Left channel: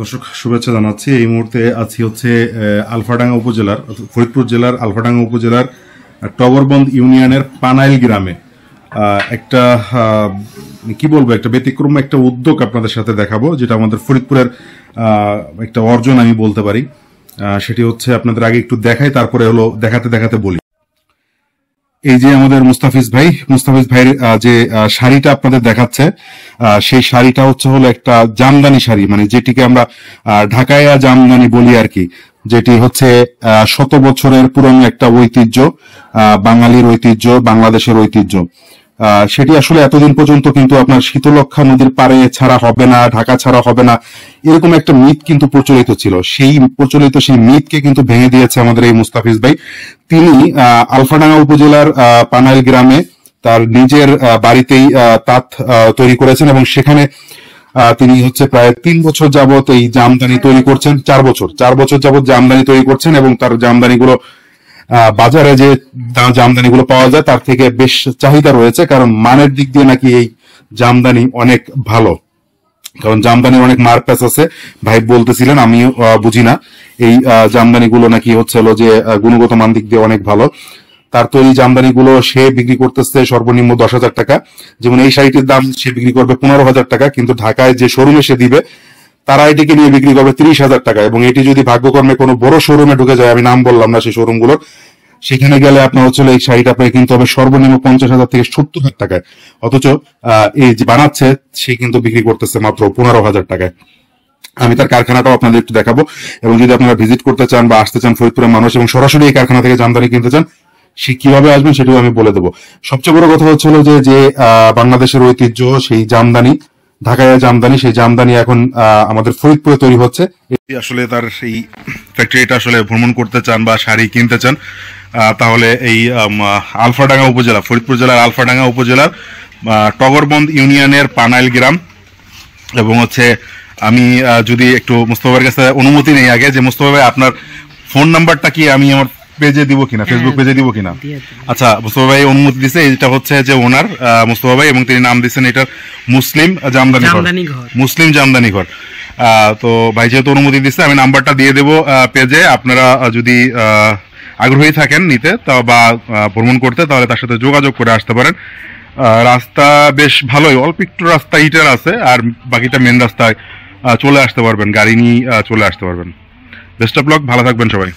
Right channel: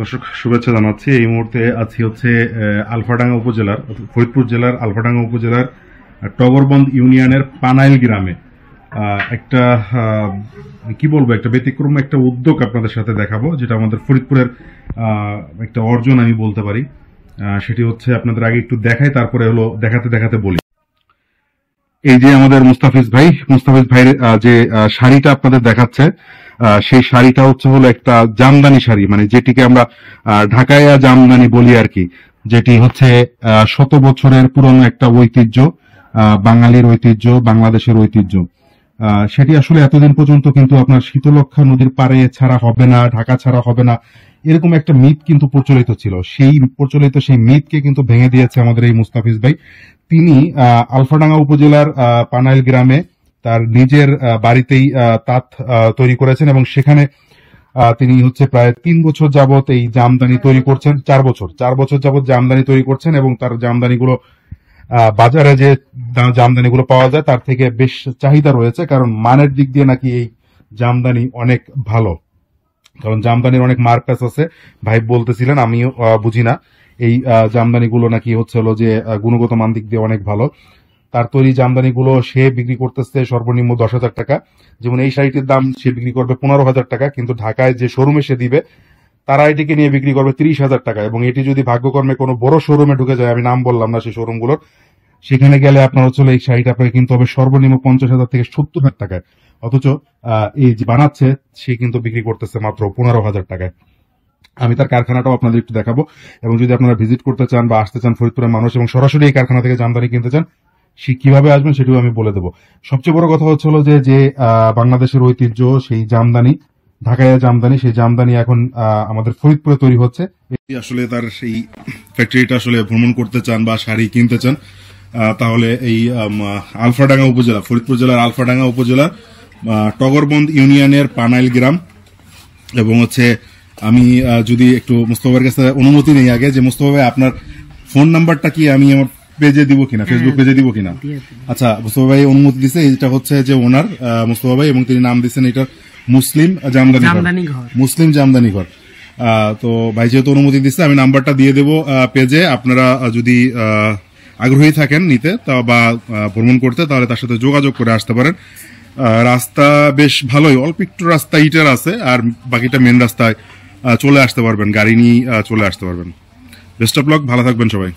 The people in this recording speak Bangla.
দর্শক শুভেচ্ছা জানাচ্ছি। এই মুহূর্তে আছি হচ্ছে আলফাডাঙ্গা উপজেলার ফরিদপুর জেলার আলফাডাঙ্গা উপজেলার টগরবন্দ ইউনিয়নের পানাইল গ্রামে একটা কি বলবো একটা ব্যতিক্রম একটা উদ্যোগ আপনাদের সাথে দেখাবো, যেটা আমাদের ফরিদপুরের একটা অর্জন আমি বলতে পারি। সেটি হচ্ছে আপনাদের আগে একটু দেখাই, তারপরে হলো দেখাতে দেখাতে বলি। এই যে আমাদের মুস্তাফিজ ভাইয়ের যে শাড়িটা আপনাদের দেখাচ্ছে, সেই শাড়িটা হলো একটা জামদানি শাড়ি, মানে যেটিকে আমরা ঢাকায়া জামদানি বলি আর কি, যেটি হচ্ছে 100 বছরের পুরনো একটা ঐতিহ্য, বাঙালির ঐতিহ্য, বাংলাদেশের ঐতিহ্য। সেটি আসলে এতদিন পর্যন্ত কিন্তু আপনার শীতলক্ষ্যা নদীর পাড়ে ছাড়া হবে না, ঢাকা ছাড়া হবে না, এরকম একটা মিথ কিন্তু প্রচলিত ছিল। সেই মিথকে কিন্তু ভেঙে দিয়েছে আমাদের এই মুস্তাফিজ ভাই। তিনি আলফাডাঙ্গা উপজেলার পানাইল গ্রামে তার নিজের বাড়িতেই তাঁত তৈরি করেছেন এবং সেখানে তিনি প্রায় 3 বছর যাবত এই জামদানি তৈরি করছেন। 4 বছর যাবত জামদানি তৈরি করছেন এবং তার জামদানিগুলো বাজারে যে জামদানিগুলো পাওয়া যায় তার থেকে বেশ চাহিদা রয়েছে, কারণ মানের দিক দিয়ে নাকি এই জামদানি অনেক ভালো। কারণ জামদানি অনেক মার্কাস আছে, ভাই বলতেছিলেন, আমি বুঝি না। এই জামদানিগুলো নাকি যে গুণগত মান দিক দিয়ে অনেক ভালো। তার তৈরি জামদানিগুলো সে বিক্রি করতেছে সর্বনিম্ন 10,000 টাকা। যেমন এই শাড়িটির দাম সে বিক্রি করবে 15,000 টাকা, কিন্তু ঢাকায় যে শোরুমে সে দিবে তারা এটিকে নিয়ে বিক্রি করবে 30,000 টাকা। এবং এটি যদি ভাগ্যক্রমে কোনো বড় শোরুমে ঢুকে যায়, আমি নাম বললাম না সেই শোরুমগুলো, সেখানে গেলে আপনার এই শাড়িটা আপনাকে কিনতে হবে সর্বনিম্ন 50,000 থেকে 70,000 টাকায়। অথচ এই যে বানাচ্ছে সে কিন্তু বিক্রি করতেছে মাত্র 15,000 টাকায়। আমি তার কারখানাটাও আপনাদের একটু দেখাবো, এবং যদি আপনারা ভিজিট করতে চান বা আসতে চান ফরিদপুরের মানুষ এবং সরাসরি এই কারখানা থেকে জামদানি কিনতে চান, সে কিভাবে আসবেন সেটাও আমি বলে দেবো। সবচেয়ে বড় কথা যে বাংলাদেশের ঐতিহ্য সেই জামদানি, ঢাকায় জামদানি, সেই জামদানি এখন আমাদের ফরিদপুরে তৈরি হচ্ছে। আসলে তার এই ফ্যাক্টরিটা ভ্রমণ করতে চান বা শাড়ি কিনতে চান, তাহলে এই আলফাডাঙ্গা উপজেলা, ফরিদপুর জেলার আলফাডাঙ্গা উপজেলার টগরবন্দ ইউনিয়নের পানাইল গ্রাম। এবং আমি যদি একটু মুস্তফা ভাইয়ের কাছে অনুমতি নেই আগে, যে মুস্তফা ভাই আপনার ফোন নাম্বারটা কি আমি আমার পেজে দিব কিনা, ফেসবুক পেজে দিব কিনা? আচ্ছা, মুস্তফা ভাই অনুমতি দিছে। এটা যে ওনার মুস্তফা ভাই, এবং তিনি নাম দিচ্ছেন এটার মুসলিম জামদানি ঘর। তো ভাই যেহেতু অনুমতি দিচ্ছে, আমি নাম্বারটা দিয়ে দেবো পেজে। আপনারা যদি আগ্রহী থাকেন নিতে বা ভ্রমণ করতে, তাহলে তার সাথে যোগাযোগ করে আসতে পারেন। রাস্তা বেশ ভালোই, অল্প একটু রাস্তা ইটের আছে, আর বাকিটা মেন রাস্তায় চলে আসতে পারবেন, গাড়ি নিয়ে চলে আসতে পারবেন। বেস্ট অফ লাক, ভালো থাকবেন সবাই।